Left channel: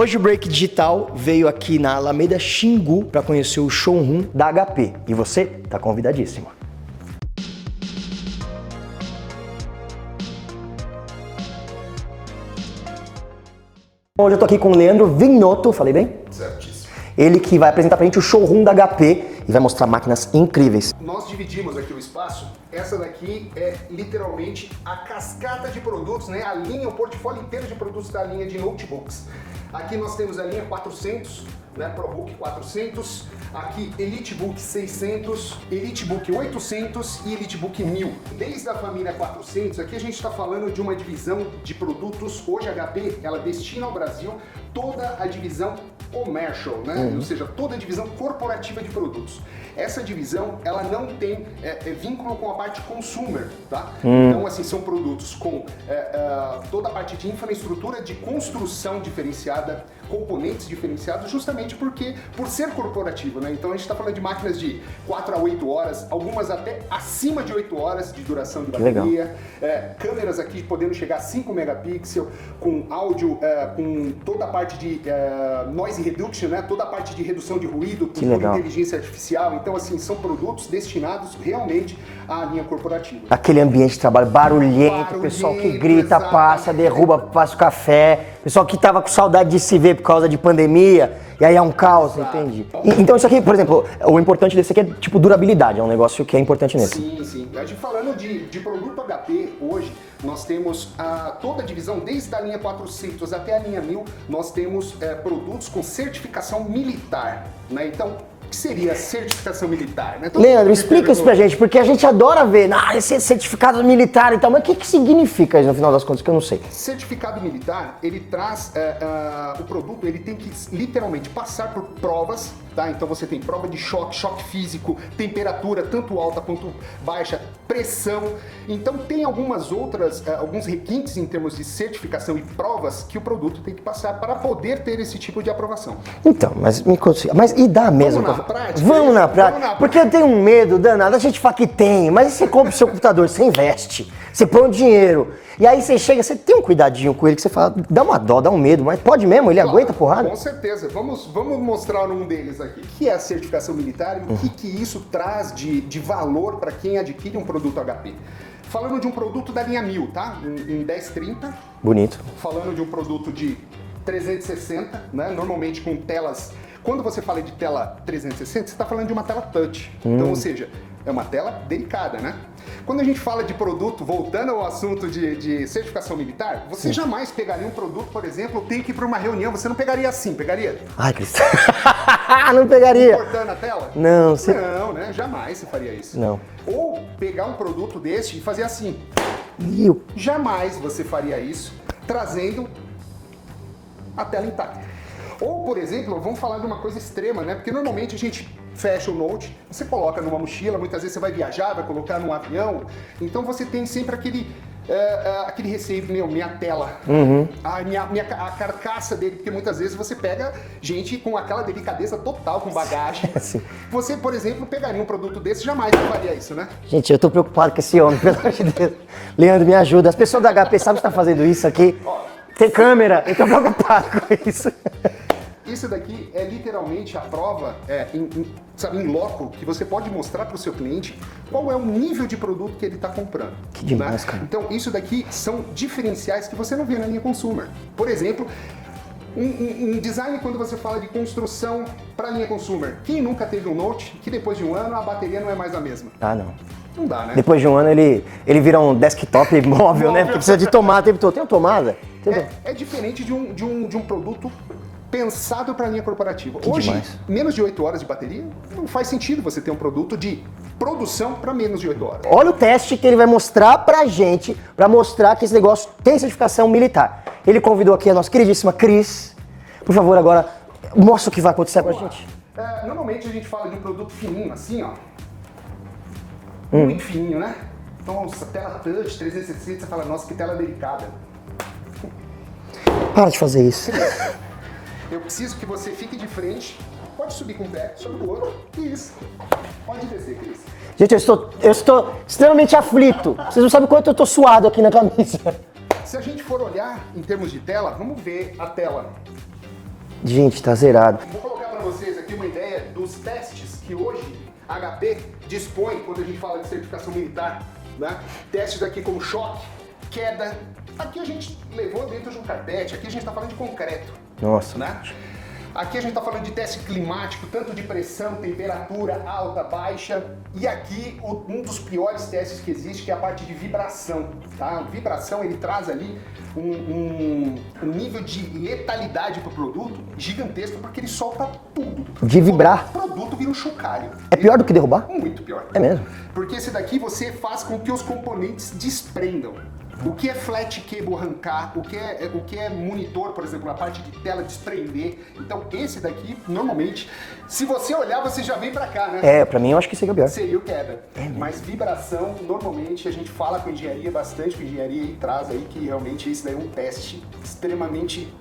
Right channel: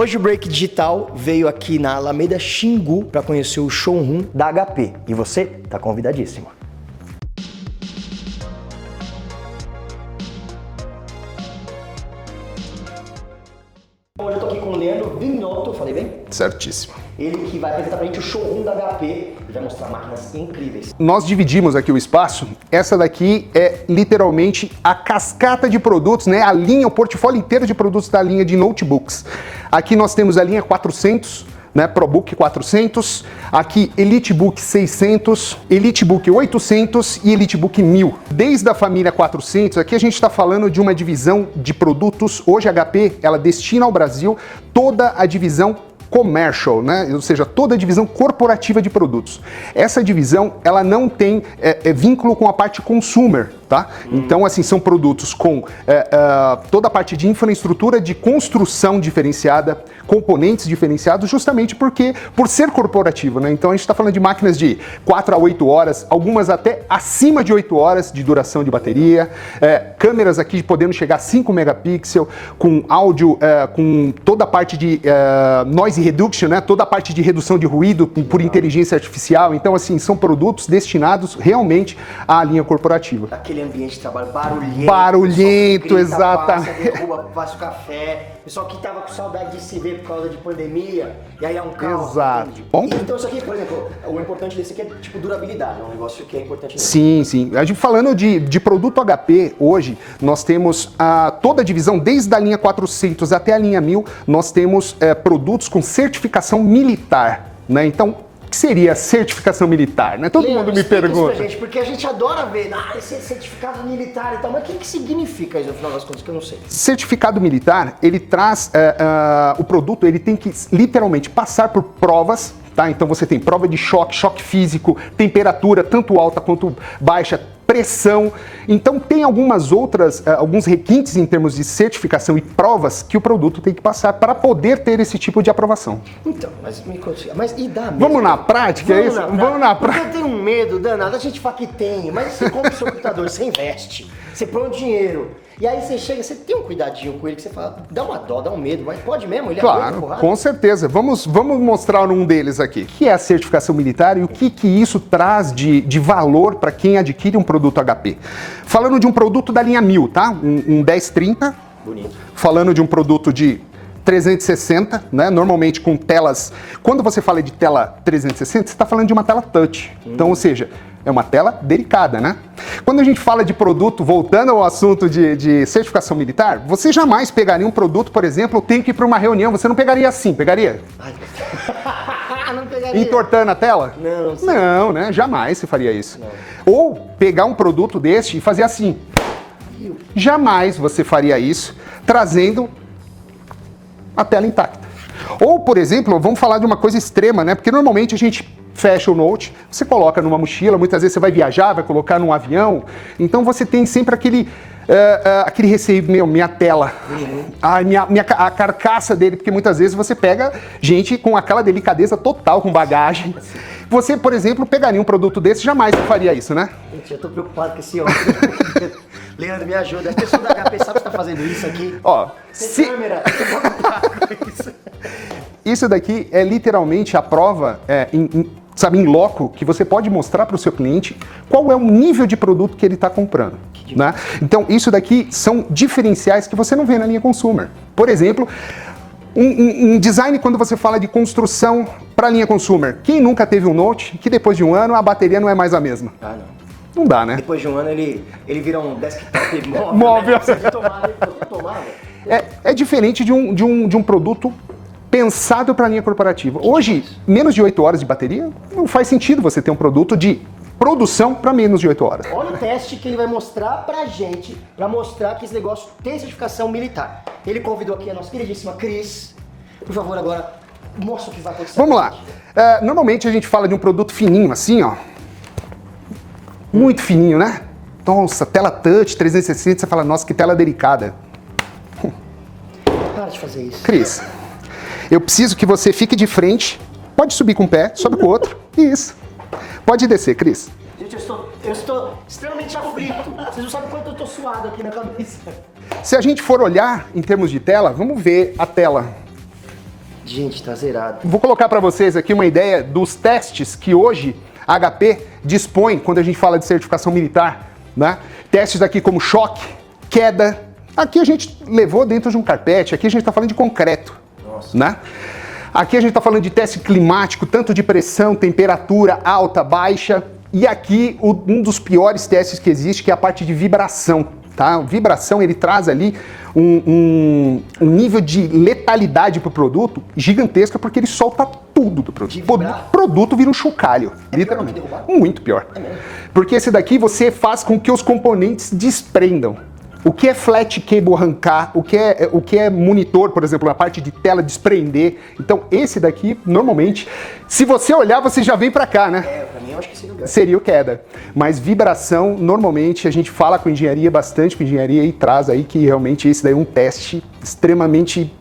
Hoje o Break Digital veio aqui na Alameda Xingu para conhecer o showroom da HP e você tá convidadíssimo. Hoje eu tô aqui com o Leandro Vignotto, falei bem? Certíssimo. Ele que vai apresentar pra gente o showroom da HP e vai mostrar máquinas incríveis. Nós dividimos aqui o espaço. Essa daqui é literalmente a cascata de produtos, né? A linha, o portfólio inteiro de produtos da linha de notebooks. Aqui nós temos a linha 400, né? ProBook 400, aqui EliteBook 600, EliteBook 800 e EliteBook 1000. Desde a família 400, aqui a gente está falando de uma divisão de produtos. Hoje a HP, ela destina ao Brasil toda a divisão commercial, né? Ou seja, toda a divisão corporativa de produtos. Essa divisão, ela não tem vínculo com a parte consumer, tá? Então, assim, são produtos com toda a parte de infraestrutura de construção diferenciada, componentes diferenciados, justamente porque, por ser corporativo, né? Então, a gente está falando de máquinas de 4 a 8 horas, algumas até acima de 8 horas de duração de bateria, câmeras aqui podendo chegar a 5 megapixels, com áudio, com toda a parte de noise reduction, né? Toda a parte de redução de ruído por inteligência artificial. Então, assim, são produtos destinados realmente à linha corporativa. Aquele ambiente de trabalho barulhento, Barulhento, grita, exatamente. passa, derruba, passa o café. Pessoal que tava com saudade de se ver por causa de pandemia, e aí é um caos, Exato. entende? Então isso aqui, por exemplo, o importante desse aqui é tipo durabilidade, é um negócio que é importante nele. Sim, sim. A gente falando de produto HP, hoje nós temos toda a divisão, desde a linha 400 até a linha 1000, nós temos produtos com certificação militar, né? Então, o que seria certificação militar, né? Todo Leandro, mundo me explica isso pra pergunta. gente, porque a gente adora ver, esse certificado militar e tal, mas o que significa isso no final das contas, que eu não sei? Certificado militar, ele traz o produto, ele tem que literalmente passar por provas, tá? Então você tem prova de choque físico, temperatura tanto alta quanto baixa, pressão. Então tem alguns requintes em termos de certificação e provas que o produto tem que passar para poder ter esse tipo de aprovação. Então, mas me conta, mas e dá mesmo? Vamos na prática? Vamos na prática. Vamos na Porque eu tenho um medo danado, a gente fala que tem, mas você compra o seu computador, você investe, você põe o dinheiro, e aí você chega, você tem um cuidadinho com ele que você fala, dá uma dó, dá um medo, mas pode mesmo, ele aguenta porrada? Com certeza. Vamos mostrar um deles aqui. O que é a certificação militar e o que isso traz de valor para quem adquire um produto HP. Falando de um produto da linha 1000, tá? Um 1030. Bonito. Falando de um produto de 360, né? Normalmente com telas. Quando você fala de tela 360, você está falando de uma tela touch. Então, ou seja, é uma tela delicada, né? Quando a gente fala de produto, voltando ao assunto de certificação militar, você jamais pegaria um produto, por exemplo, tem que ir para uma reunião, você não pegaria assim, pegaria? Ai, Cristian. Não pegaria. Entortando a tela? Não, sim. Não, né? Jamais você faria isso. Não. Ou pegar um produto deste e fazer assim. Jamais você faria isso, trazendo a tela intacta. Ou, por exemplo, vamos falar de uma coisa extrema, né? Porque normalmente a gente fecha o Note, você coloca numa mochila, muitas vezes você vai viajar, vai colocar num avião, então você tem sempre aquele receio, minha tela, a carcaça dele, porque muitas vezes você pega gente com aquela delicadeza total, com bagagem. Sim. Você, por exemplo, pegaria um produto desse, jamais faria isso, né? Gente, eu tô preocupado com esse homem. Leandro, me ajuda. As pessoas da HP sabem que tá fazendo isso aqui. Ó, tem câmera, eu tô preocupado com isso. Isso daqui é literalmente a prova, em loco, que você pode mostrar para o seu cliente qual é o nível de produto que ele está comprando. Que demais. Né? Então, isso daqui são diferenciais que você não vê na linha consumer. Por exemplo, um design quando você fala de construção para a linha consumer. Quem nunca teve um Note que depois de um ano a bateria não é mais a mesma? Ah, não. Não dá, né? Depois de um ano ele vira um desktop móvel, né? Que precisa de tomada o tempo todo. Tem tomada? É diferente de um produto pensado para a linha corporativa. Hoje, demais. menos de 8 horas de bateria, não faz sentido você ter um produto de produção para menos de 8 horas. Olha o teste que ele vai mostrar pra gente, pra mostrar que esse negócio tem certificação militar. Ele convidou aqui a nossa queridíssima Cris. Por favor, agora, mostra o que vai acontecer. Vamos lá. Normalmente a gente fala de um produto fininho, assim, ó. Muito fininho, né? Nossa, tela touch, 360, você fala, nossa, que tela delicada. Para de fazer isso. Cris, eu preciso que você fique de frente, pode subir com um pé, sobe com o outro, isso. Pode descer, Cris. Gente, eu estou extremamente aflito. Vocês não sabem quanto eu tô suado aqui na camisa. Se a gente for olhar em termos de tela, vamos ver a tela. Gente, tá zerado. Vou colocar para vocês aqui uma ideia dos testes que hoje a HP dispõe quando a gente fala de certificação militar, né? Testes aqui como choque, queda. Aqui a gente levou dentro de um carpete, aqui a gente está falando de concreto. Nossa. Né? Aqui a gente está falando de teste climático, tanto de pressão, temperatura alta, baixa. E aqui um dos piores testes que existe, que é a parte de vibração. Tá? Vibração, ele traz ali um nível de letalidade para o produto gigantesca, porque ele solta tudo do produto. De vibrar. O produto vira um chocalho. É pior do que derrubar? Muito pior. É mesmo? Porque esse daqui você faz com que os componentes desprendam. O que é flat cable arrancar, o que é monitor, por exemplo, na parte de tela desprender. Então, esse daqui, normalmente, se você olhar, você já vem pra cá, né? É, pra mim eu acho que seria pior. Seria o queda. Mas vibração, normalmente, a gente fala com engenharia, bastante com engenharia, e traz aí que realmente esse daí é um teste extremamente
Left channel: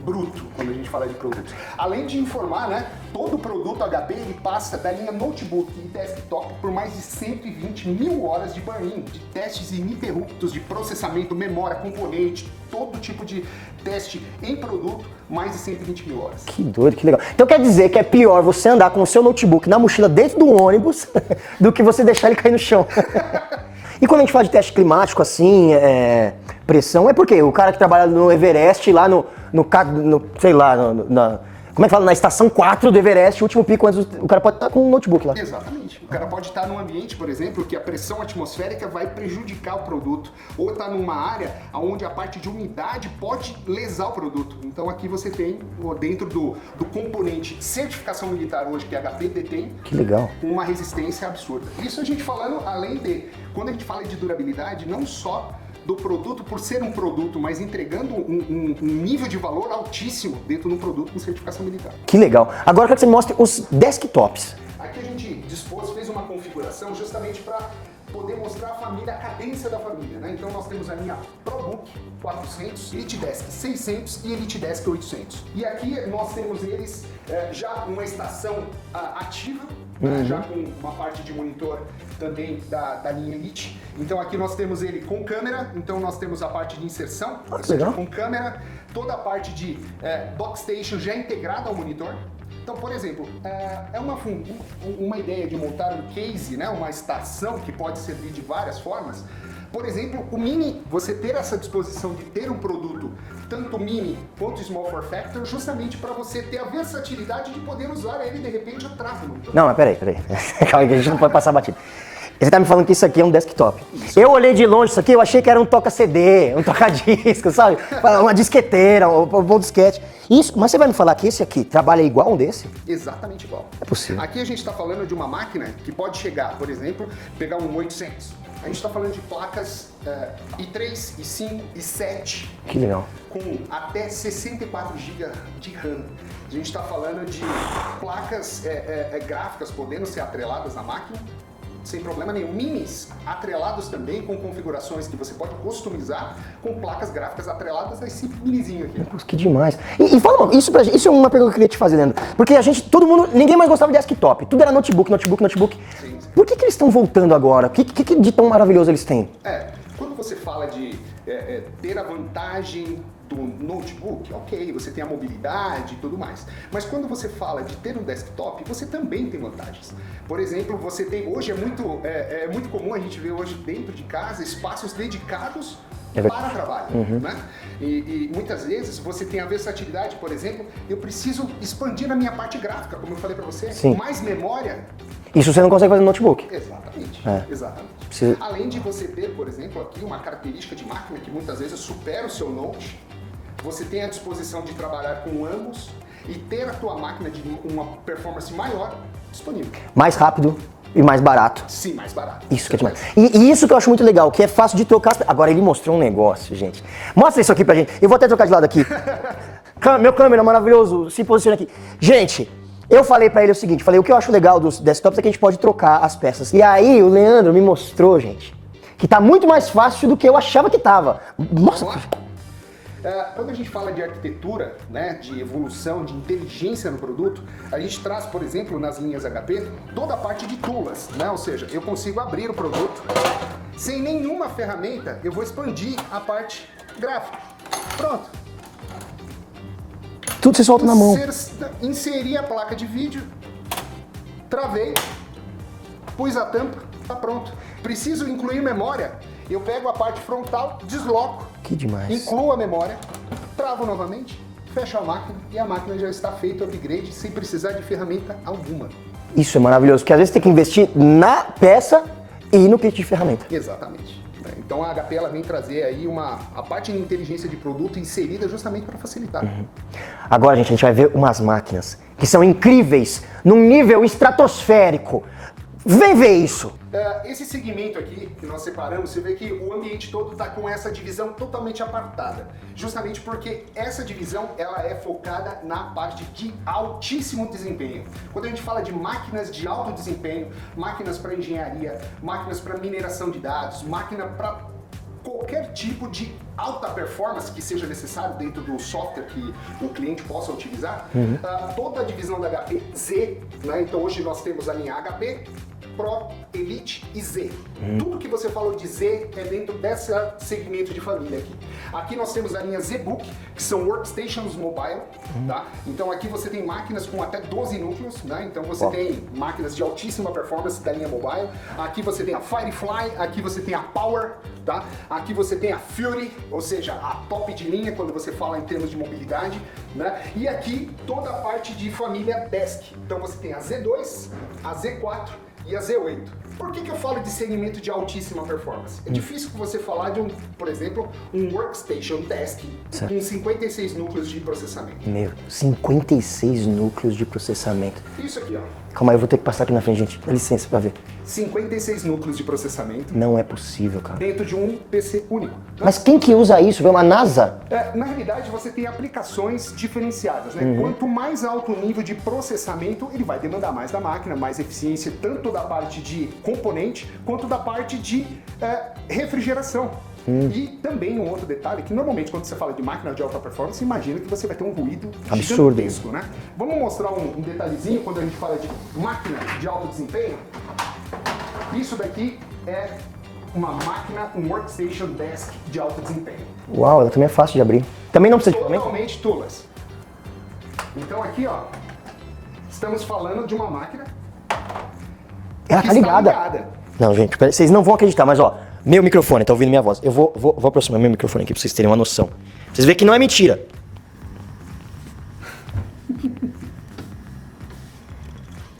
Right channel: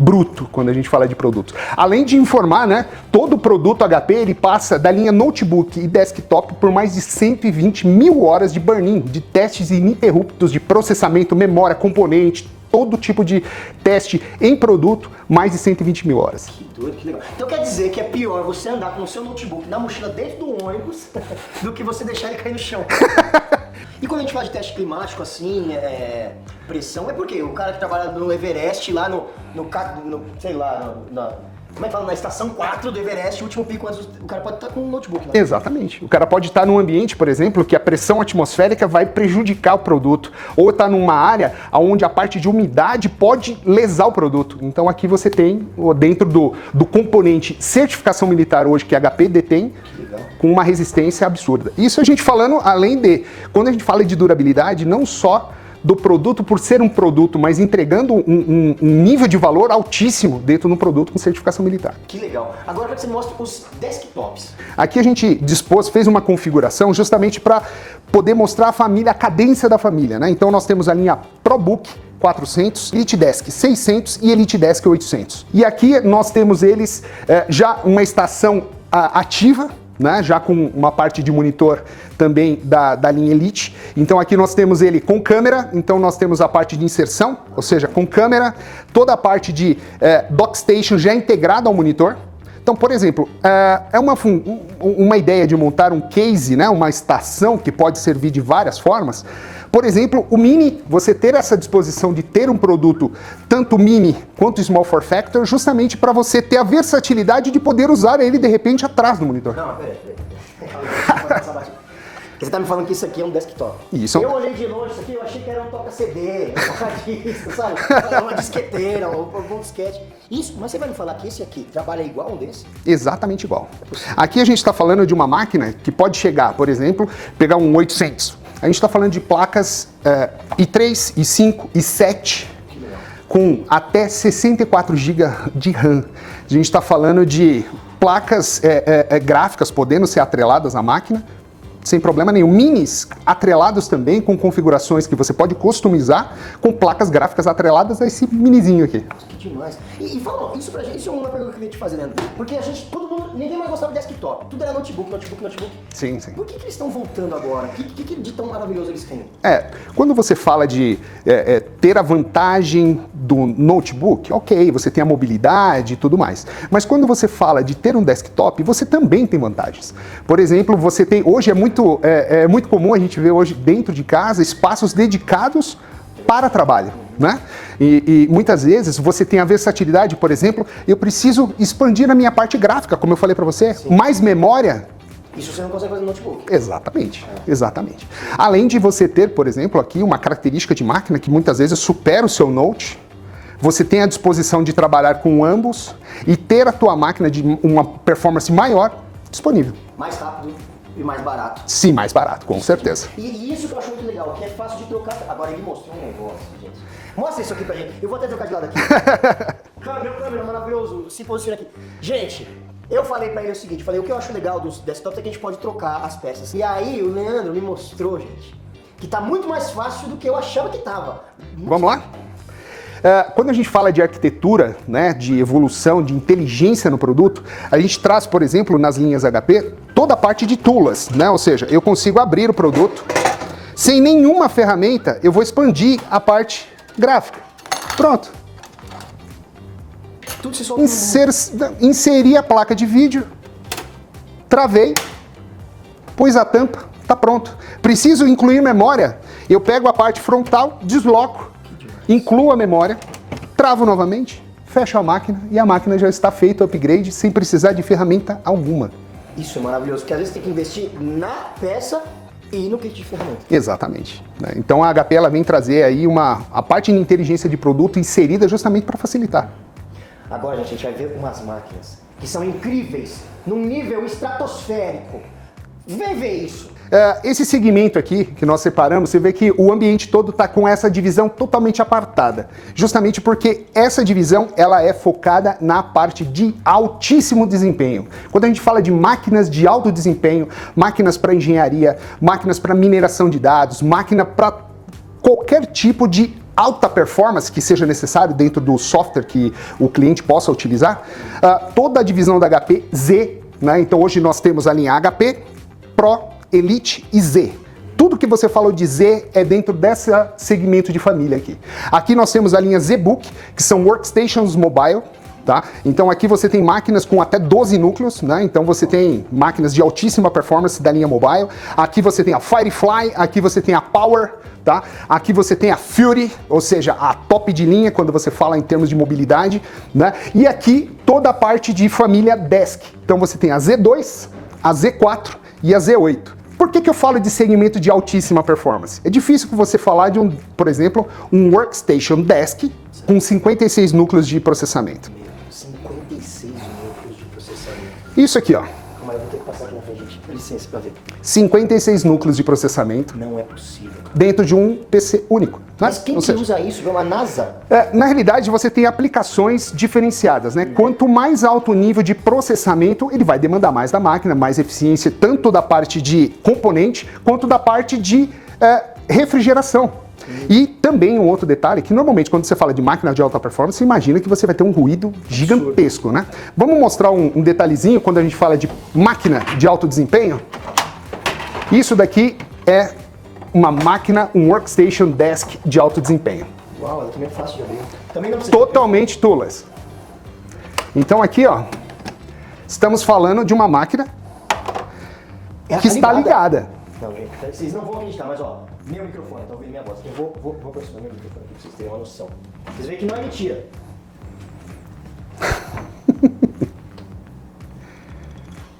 bruto quando a gente fala de produtos. Além de informar, né, todo produto HP ele passa da linha notebook e desktop por mais de 120 mil horas de burn-in, de testes ininterruptos de processamento, memória, componente, todo tipo de teste em produto, mais de 120 mil horas. Que doido, que legal. Então quer dizer que é pior você andar com o seu notebook na mochila dentro do ônibus do que você deixar ele cair no chão. E quando a gente fala de teste climático assim, pressão, é porque o cara que trabalha no Everest, lá sei lá, como é que fala? Na estação 4 do Everest, o último pico, antes o cara pode estar com um notebook lá. Exatamente. O cara pode estar num ambiente, por exemplo, que a pressão atmosférica vai prejudicar o produto. Ou está numa área onde a parte de umidade pode lesar o produto. Então aqui você tem, dentro do componente certificação militar hoje, que a HP detém, que legal, com uma resistência absurda. Isso a gente falando além de, quando a gente fala de durabilidade, não só do produto por ser um produto, mas entregando um nível de valor altíssimo dentro do produto com certificação militar. Que legal. Agora eu quero que você mostre os desktops. Aqui a gente fez uma configuração justamente para poder mostrar a família, a cadência da família, né? Então nós temos a linha ProBook 400, EliteDesk 600 e EliteDesk 800. E aqui nós temos eles já uma estação ativa, né? Já com uma parte de monitor também da linha Elite. Então aqui nós temos ele com câmera, então nós temos a parte de inserção, ou seja, com câmera, toda a parte de DockStation já integrada ao monitor. Então, por exemplo, é uma ideia de montar um case, né? Uma estação que pode servir de várias formas. Por exemplo, o Mini, você ter essa disposição de ter um produto tanto Mini quanto Small Form Factor, justamente para você ter a versatilidade de poder usar ele de repente atrás do monitor. Não, mas peraí. Calma, a gente não pode passar batido. Você tá me falando que isso aqui é um desktop. Isso. Eu olhei de longe isso aqui, eu achei que era um toca-CD, um toca-disco, sabe? Uma disqueteira, um disquete. Isso, mas você vai me falar que esse aqui trabalha igual um desse? Exatamente igual. É possível. Aqui a gente está falando de uma máquina que pode chegar, por exemplo, pegar um 800. A gente está falando de placas i3, i5, i7. Que legal. Com até 64 GB de RAM. A gente está falando de placas gráficas podendo ser atreladas à máquina, sem problema nenhum. Minis atrelados também, com configurações que você pode customizar, com placas gráficas atreladas a esse minizinho aqui. Nossa, que demais. E fala, isso é uma pergunta que eu queria te fazer, Leandro. Porque ninguém mais gostava de desktop. Tudo era notebook. Sim. Por que eles estão voltando agora? O que de tão maravilhoso eles têm? Quando você fala de ter a vantagem do notebook, ok, você tem a mobilidade e tudo mais. Mas quando você fala de ter um desktop, você também tem vantagens. Por exemplo, você tem, hoje é muito comum a gente ver hoje dentro de casa espaços dedicados para trabalho, né? E muitas vezes você tem a versatilidade, por exemplo, eu preciso expandir a minha parte gráfica, como eu falei para você, mais memória. Isso você não consegue fazer no notebook. Exatamente, exatamente. Sim. Além de você ter, por exemplo, aqui uma característica de máquina que muitas vezes supera o seu Note, você tem a disposição de trabalhar com ambos e ter a tua máquina de uma performance maior disponível. Mais rápido e mais barato. Sim, mais barato, com certeza. E isso que eu acho muito legal, que é fácil de trocar. Agora ele mostrou um negócio, gente. Mostra isso aqui pra gente. Eu vou até trocar de lado aqui. Meu câmera maravilhoso, se posiciona aqui. Gente, eu falei pra ele o seguinte, o que eu acho legal dos desktops é que a gente pode trocar as peças. E aí o Leandro me mostrou, gente, que tá muito mais fácil do que eu achava que tava. Vamos lá? Quando a gente fala de arquitetura, né, de evolução, de inteligência no produto, a gente traz, por exemplo, nas linhas HP, toda a parte de tools, né? Ou seja, eu consigo abrir o produto, sem nenhuma ferramenta, eu vou expandir a parte gráfica. Pronto. Tudo você solta na mão. Inseri a placa de vídeo, travei, pus a tampa, tá pronto. Preciso incluir memória, eu pego a parte frontal, desloco, Que demais. incluo a memória, travo novamente, fecho a máquina e a máquina já está feita o upgrade sem precisar de ferramenta alguma. Isso é maravilhoso, porque às vezes tem que investir na peça e no kit de ferramenta. Exatamente. Então a HP ela vem trazer aí a parte de inteligência de produto inserida justamente para facilitar. Agora, gente, a gente vai ver umas máquinas que são incríveis, num nível estratosférico. Vem ver isso. Esse segmento aqui que nós separamos, você vê que o ambiente todo está com essa divisão totalmente apartada. Justamente porque essa divisão ela é focada na parte de altíssimo desempenho. Quando a gente fala de máquinas de alto desempenho, máquinas para engenharia, máquinas para mineração de dados, máquina para qualquer tipo de alta performance que seja necessário dentro do software que o cliente possa utilizar, toda a divisão da HP Z, né? Então hoje nós temos a linha HP, Pro, Elite e Z. Tudo que você falou de Z é dentro desse segmento de família aqui. Aqui nós temos a linha ZBook, que são workstations mobile, tá? Então aqui você tem máquinas com até 12 núcleos, né? Então você tem máquinas de altíssima performance da linha mobile. Aqui você tem a Firefly, aqui você tem a Power, tá? Aqui você tem a Fury, ou seja, a top de linha quando você fala em termos de mobilidade, né? E aqui toda a parte de família Desk. Então você tem a Z2, a Z4 e a Z8. Por que eu falo de segmento de altíssima performance? É difícil você falar de por exemplo, um Workstation Desk com 56 núcleos de processamento. Meu, 56 núcleos de processamento. Isso aqui, ó. Calma aí, eu vou ter que passar aqui na frente, gente. Dá licença pra ver. 56 núcleos de processamento. Não é possível, cara. Dentro de um PC único. Né? Mas quem que usa isso? É uma NASA? Na realidade, você tem aplicações diferenciadas, né? Quanto mais alto o nível de processamento, ele vai demandar mais da máquina, mais eficiência, tanto da parte de componente, quanto da parte de refrigeração. E também um outro detalhe, que normalmente quando você fala de máquina de alta performance, você imagina que você vai ter um ruído gigantesco, né? Vamos mostrar um detalhezinho quando a gente fala de máquina de alto desempenho? Isso daqui é uma máquina, um Workstation Desk de alto desempenho. Uau, ela também é fácil de abrir. Também não precisa Totalmente toolless. Então aqui, ó, estamos falando de uma máquina que está ligada. Não, gente, vocês não vão acreditar, mas ó, meu microfone, tá ouvindo minha voz? Eu vou aproximar meu microfone aqui pra vocês terem uma noção. Vocês veem que não é mentira.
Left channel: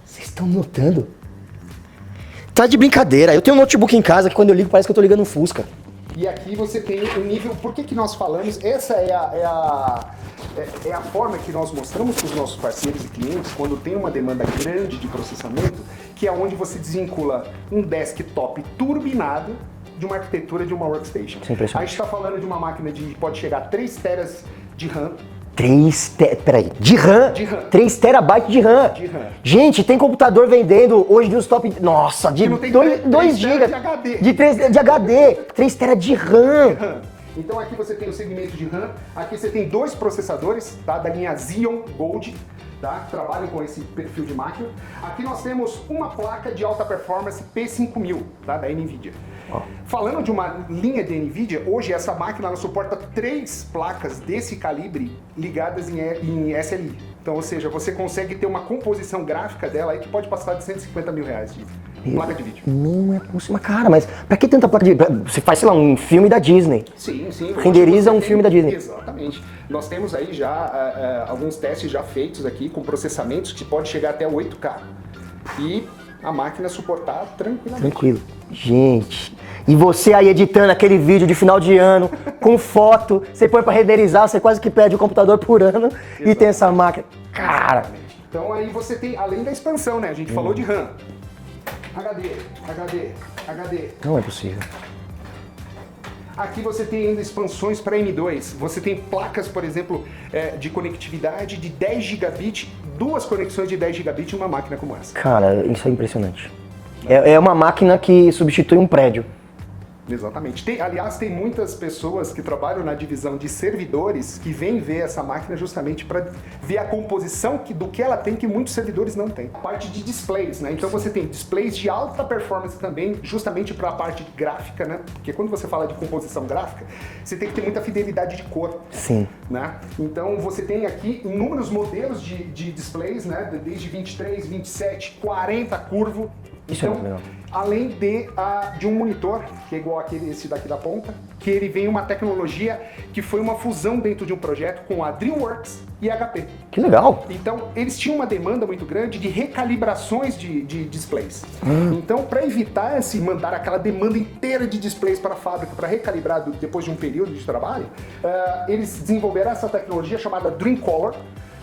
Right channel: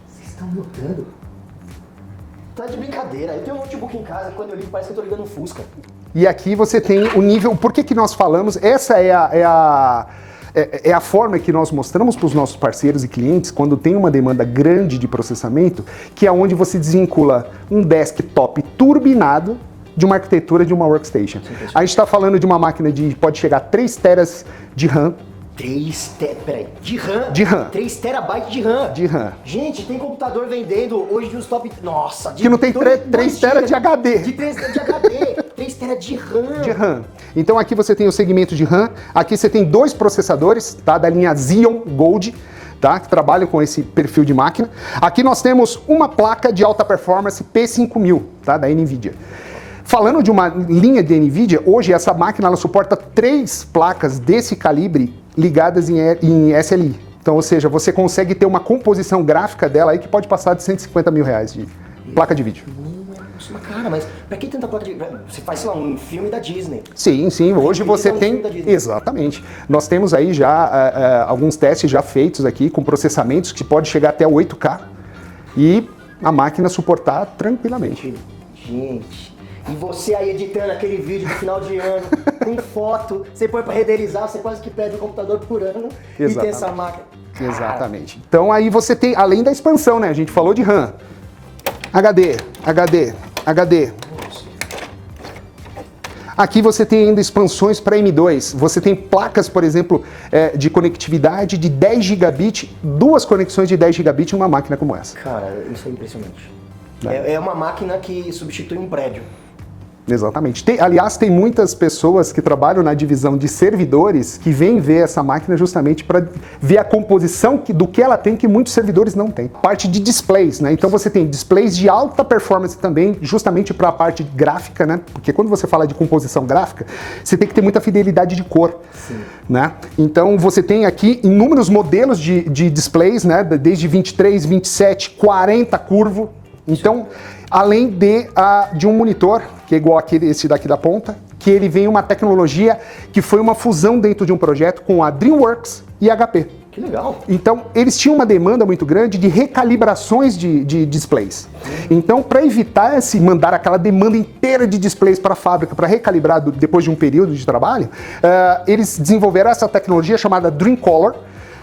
Vocês estão notando? Tá de brincadeira. Eu tenho um notebook em casa que quando eu ligo parece que eu tô ligando um Fusca. E aqui você tem o nível, por que nós falamos, essa é a forma que nós mostramos para os nossos parceiros e clientes quando tem uma demanda grande de processamento, que é onde você desvincula um desktop turbinado de uma arquitetura de uma workstation. A gente está falando de uma máquina de pode chegar a 3 teras de RAM. 3 peraí, de RAM? De RAM. 3 terabytes de RAM. De RAM. Gente, tem computador vendendo hoje de uns top... Nossa, de Que não tem 3 teras de HD. De HD. 3 teras de RAM. De RAM. Então aqui você tem o segmento de RAM, aqui você tem 2 processadores, tá, da linha Xeon Gold, tá, que trabalham com esse perfil de máquina. Aqui nós temos uma placa de alta performance P5000, tá, da NVIDIA. Falando de uma linha de NVIDIA, hoje essa máquina ela suporta 3 placas desse calibre ligadas em SLI. Então, ou seja, você consegue ter uma composição gráfica dela aí que pode passar de 150 mil reais de placa de vídeo. Não é possível. Cara, mas pra que tanta placa de vídeo? Você faz, sei lá, um filme da Disney. Sim, sim. Hoje você um tem... filme da Disney. Exatamente. Nós temos aí já alguns testes já feitos aqui com processamentos que pode chegar até 8K e a máquina suportar tranquilamente. Tranquilo. Gente... E você aí editando aquele vídeo de final de ano, com foto, você põe pra renderizar, você quase que perde o computador por ano. Exatamente. E tem essa máquina. Cara. Exatamente. Então aí você tem, além da expansão, né? A gente falou de RAM. HD. Não é possível. Aqui você tem ainda expansões para M2. Você tem placas, por exemplo, de conectividade de 10 gigabit, 2 conexões de 10 gigabit em uma máquina como essa. Cara, isso é impressionante. É uma máquina que substitui um prédio. Exatamente. Aliás, tem muitas pessoas que trabalham na divisão de servidores que vêm ver essa máquina justamente para ver a composição do que ela tem, que muitos servidores não têm. Parte de displays, né? Então você tem displays de alta performance também, justamente para a parte gráfica, né? Porque quando você fala de composição gráfica, você tem que ter muita fidelidade de cor. Sim. Né? Então você tem aqui inúmeros modelos de displays, né? Desde 23, 27, 40 curvo. Então, além de um monitor, que é igual esse daqui da ponta, que ele vem uma tecnologia que foi uma fusão dentro de um projeto com a DreamWorks e a HP. Que legal. Então, eles tinham uma demanda muito grande de recalibrações de displays. Então, para evitar mandar aquela demanda inteira de displays para a fábrica, para recalibrar depois de um período de trabalho, eles desenvolveram essa tecnologia chamada DreamColor,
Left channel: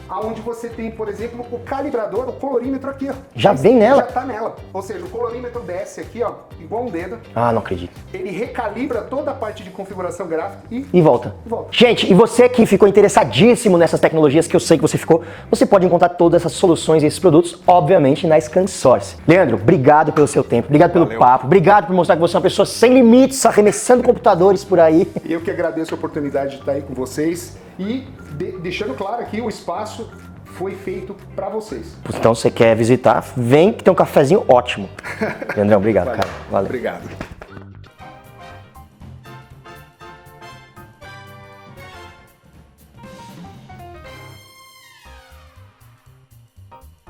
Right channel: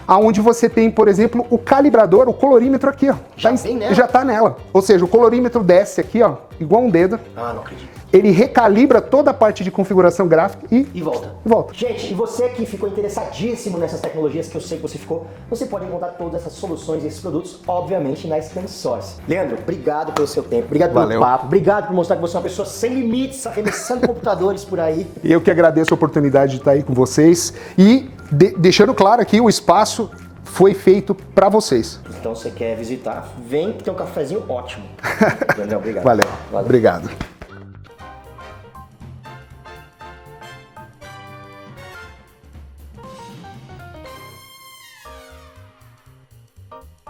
aonde você tem, por exemplo, o calibrador, o colorímetro aqui, ó. Já vem nela? Já tá nela. Ou seja, o colorímetro desce aqui, ó, igual um dedo. Ah, não acredito. Ele recalibra toda a parte de configuração gráfica e volta. Gente, e você que ficou interessadíssimo nessas tecnologias, que eu sei que você ficou, você pode encontrar todas essas soluções e esses produtos, obviamente, na ScanSource. Leandro, obrigado pelo seu tempo, obrigado pelo papo, obrigado por mostrar que você é uma pessoa sem limites, arremessando computadores por aí. Eu que agradeço a oportunidade de estar aí com vocês e deixando claro aqui, o espaço foi feito para vocês. Então, você quer visitar, vem que tem um cafezinho ótimo. Leandrão, obrigado. Valeu. Obrigado.